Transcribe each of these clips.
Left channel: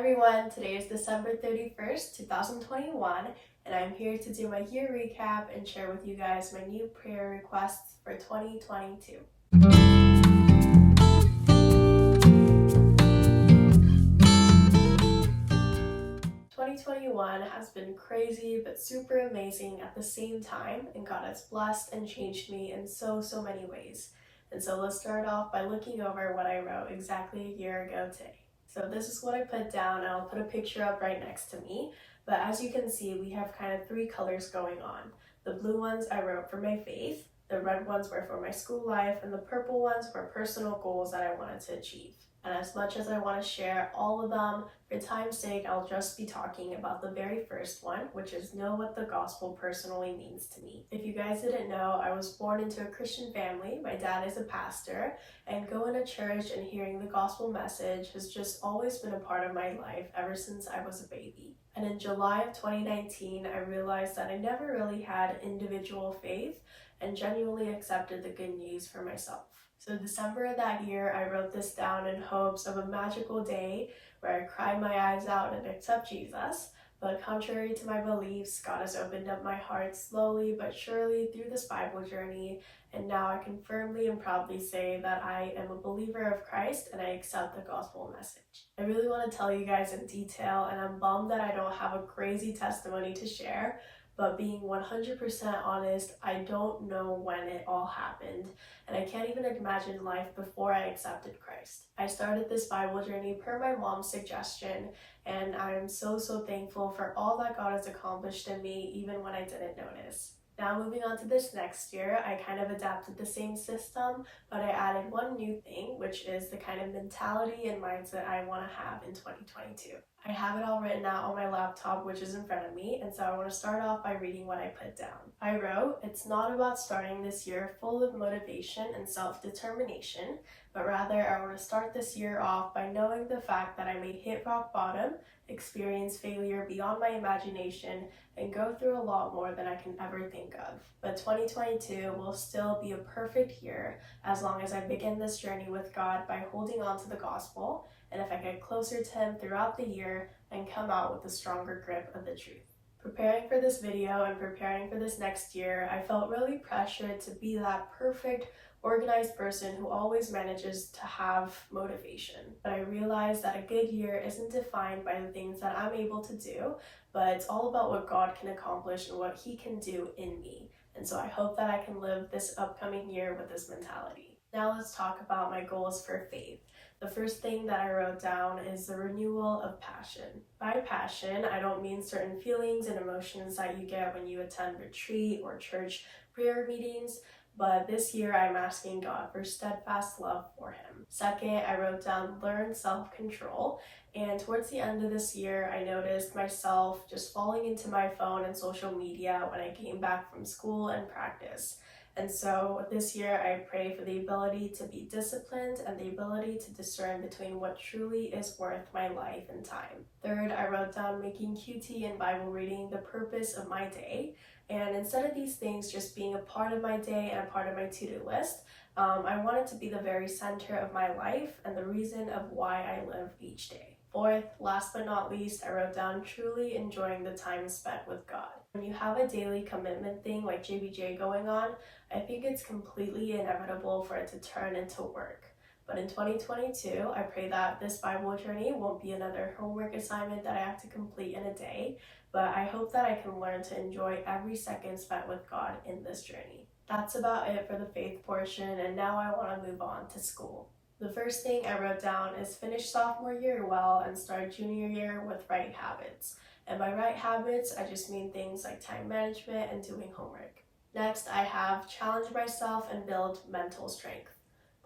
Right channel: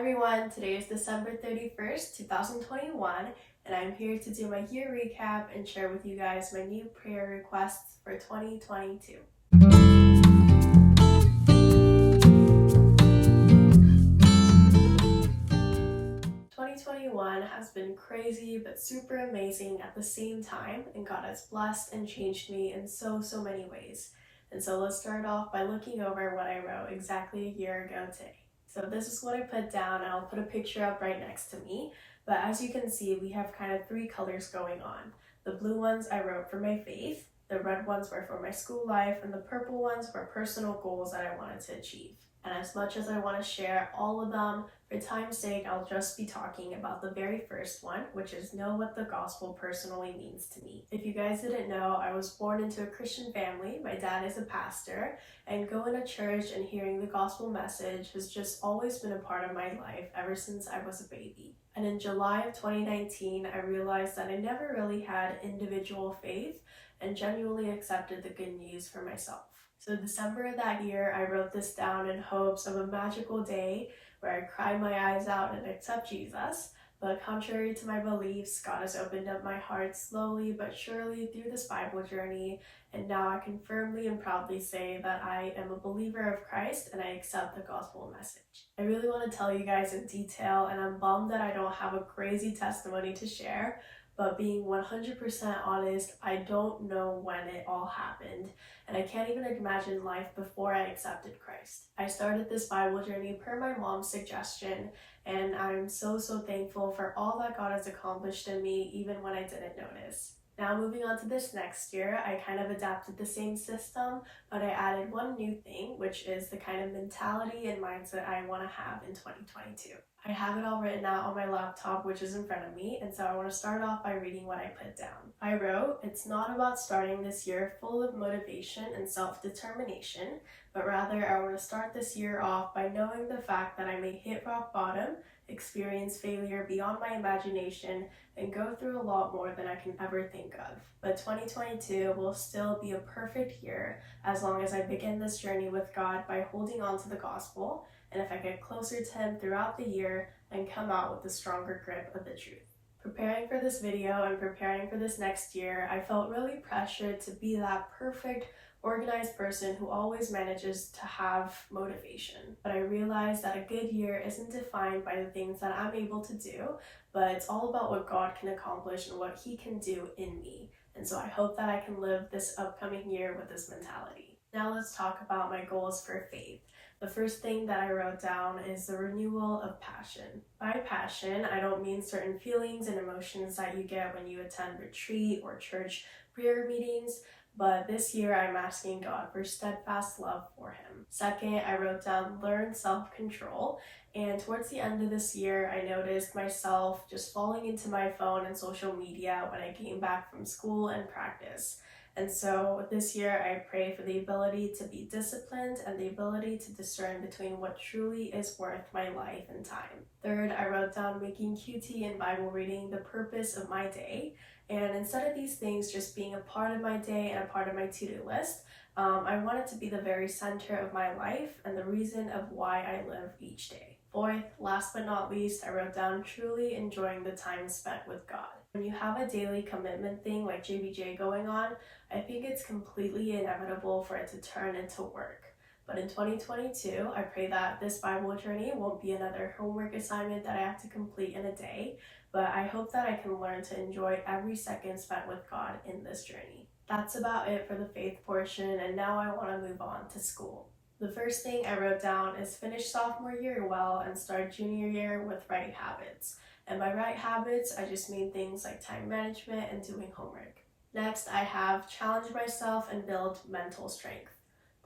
everyone, today is December 31st, 2021, and I'm here to do my year recap and share with you guys my new prayer requests for 2022. 2021 has been crazy but super amazing at the same time, and God has blessed and changed me in so many ways. And so let's start off by looking over what I wrote exactly a year ago today. So this is what I put down, and I'll put a picture up right next to me. But as you can see, we have kind of three colors going on. The blue ones I wrote for my faith, the red ones were for my school life, and the purple ones were personal goals that I wanted to achieve. And as much as I want to share all of them, for time's sake, I'll just be talking about the very first one, which is know what the gospel personally means to me. If you guys didn't know, I was born into a Christian family. My dad is a pastor, and going to church and hearing the gospel message has just always been a part of my life ever since I was a baby. And in July of 2019, I realized that I never really had individual faith and genuinely accepted the good news for myself. So December of that year, I wrote this down in hopes of a magical day where I cry my eyes out and accept Jesus. But contrary to my beliefs, God has opened up my heart slowly but surely through this Bible journey, and now I can firmly and proudly say that I am a believer of Christ and I accept the gospel message. I really want to tell you guys in detail, and I'm bummed that I don't have a crazy testimony to share, but being 100% honest, I don't know when it all happened, and I can't even imagine life before I accepted Christ. I started this Bible journey per my mom's suggestion, and I'm so thankful for all that God has accomplished in me, even when I didn't notice. Now moving on to this next year, I kind of adapted the same system, but I added one new thing, which is the kind of mentality and mindset I want to have in 2022. I have it all written out on my laptop, which is in front of me, and so I want to start off by reading what I put down. I wrote, "It's not about starting this year full of motivation and self-determination, but rather I want to start this year off by knowing the fact that I may hit rock bottom, experience failure beyond my imagination, and go through a lot more than I can ever think of. But 2022 will still be a perfect year as long as I begin this journey with God by holding on to the gospel, and if I get closer to Him throughout the year and come out with a stronger grip of the truth." Preparing for this video and preparing for this next year, I felt really pressured to be that perfect, organized person who always manages to have motivation. But I realized that a good year isn't defined by the things that I'm able to do, but it's all about what God can accomplish and what He can do in me. And so I hope that I can live this upcoming year with this mentality. Now let's talk about my goals for faith. The first thing that I wrote down is the renewal of passion. By passion, I don't mean certain feelings and emotions that you get when you attend retreat or church prayer meetings, but this year I'm asking God for steadfast love for Him. Second, I wrote down learn self-control, and towards the end of this year, I noticed myself just falling into my phone and social media when I came back from school and practice. And so this year I pray for the ability to be disciplined and the ability to discern between what truly is worth my life and time. Third, I wrote down making QT and Bible reading the purpose of my day. And instead of these things just being a part of my day and a part of my to-do list, I want it to be the very center of my life and the reason of why I live each day. Fourth, last but not least, I wrote down truly enjoying the time spent with God. When you have a daily commitment thing like JBJ going on, I think it's completely inevitable for it to turn into work. But in 2022, I pray that this Bible journey won't be another homework assignment that I have to complete in a day, but I hope that I can learn to enjoy every second spent with God in this journey. That's about it for the faith portion, and now I want to move on to school. The first thing I wrote down is finish sophomore year well and start junior year with right habits. And by right habits, I just mean things like time management and doing homework. Next, I have challenge myself and build mental strength.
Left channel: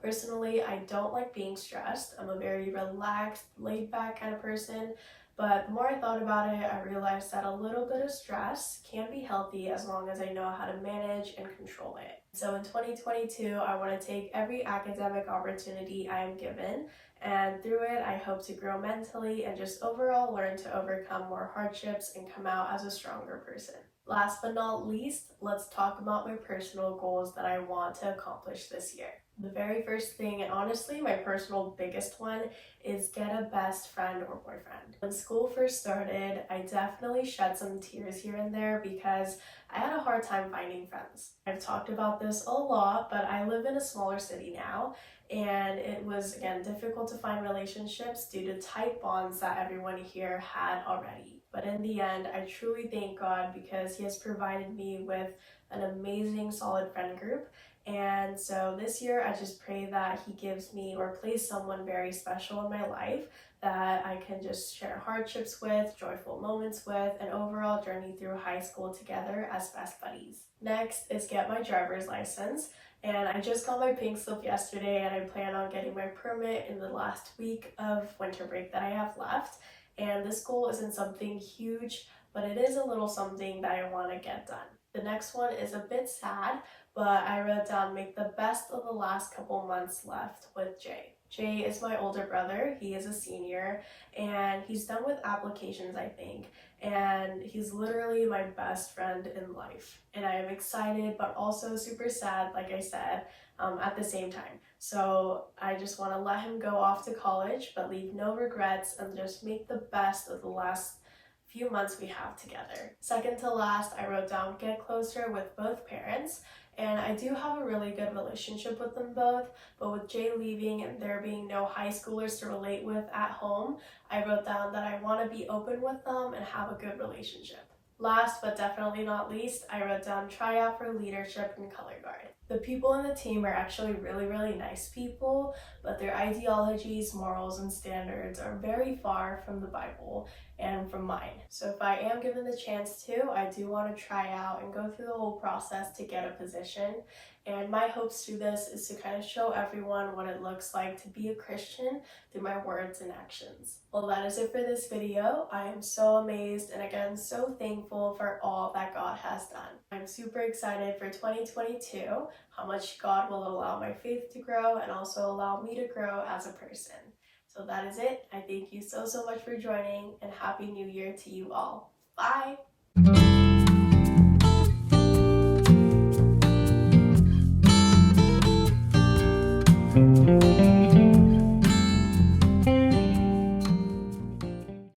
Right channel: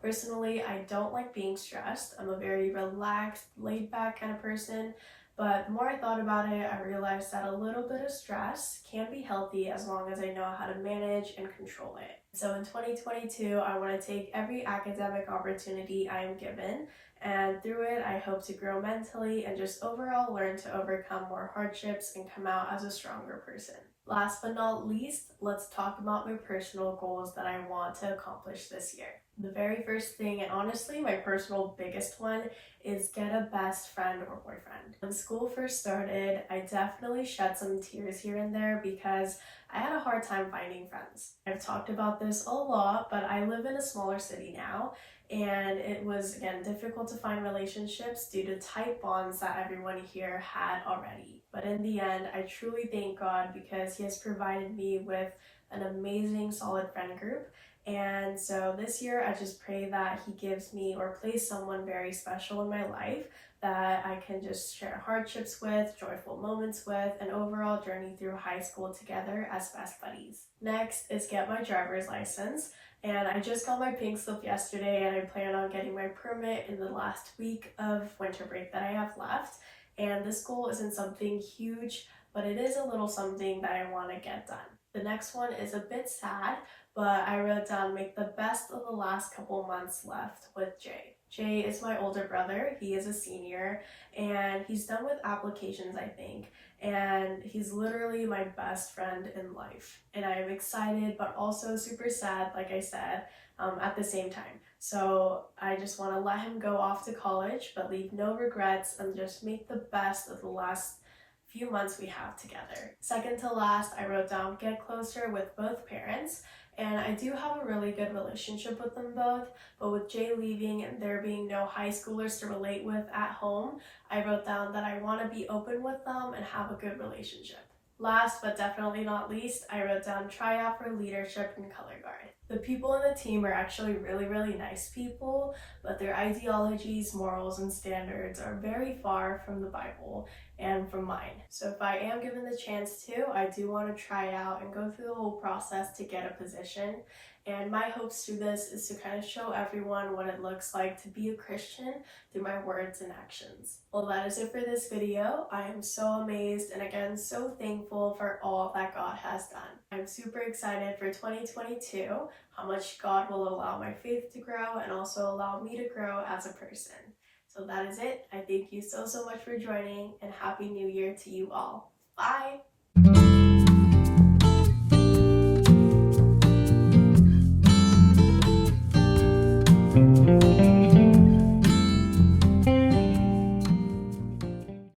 Personally, I don't like being stressed. I'm a very relaxed, laid back kind of person, but the more I thought about it, I realized that a little bit of stress can be healthy as long as I know how to manage and control it. So in 2022, I want to take every academic opportunity I am given, and through it, I hope to grow mentally and just overall learn to overcome more hardships and come out as a stronger person. Last but not least, let's talk about my personal goals that I want to accomplish this year. The very first thing, and honestly my personal biggest one, is get a best friend or boyfriend. When school first started, I definitely shed some tears here and there because I had a hard time finding friends. I've talked about this a lot, but I live in a smaller city now, and it was, again, difficult to find relationships due to tight bonds that everyone here had already. But in the end, I truly thank God because He has provided me with an amazing, solid friend group. And so this year, I just pray that He gives me or places someone very special in my life that I can just share hardships with, joyful moments with, and overall journey through high school together as best buddies. Next is get my driver's license. And I just got my pink slip yesterday, and I plan on getting my permit in the last week of winter break that I have left. And this goal isn't something huge, but it is a little something that I want to get done. The next one is a bit sad, but I wrote down make the best of the last couple months left with Jay. Jay is my older brother. He is a senior and he's done with applications, I think. And he's literally my best friend in life. And I am excited, but also super sad, like I said, at the same time. So I just want to let him go off to college, but leave no regrets and just make the best of the last few months we have together. Second to last, I wrote down get closer with both parents. And I do have a really good relationship with them both, but with Jay leaving and there being no high schoolers to relate with at home, I wrote down that I want to be open with them and have a good relationship. Last but definitely not least, I wrote down try out for leadership and color guard. The people on the team are actually really nice people, but their ideologies, morals, and standards are very far from the Bible and from mine. So if I am given the chance to, I do want to try out and go through the whole process to get a position. And my hopes through this is to kind of show everyone what it looks like to be a Christian through my words and actions. Well, that is it for this video. I am so amazed and again so thankful for all that God has done. I'm super excited for 2022, how much God will allow my faith to grow and also allow me to grow as a person. So that is it. I thank you so much for joining and Happy New Year to you all. Bye!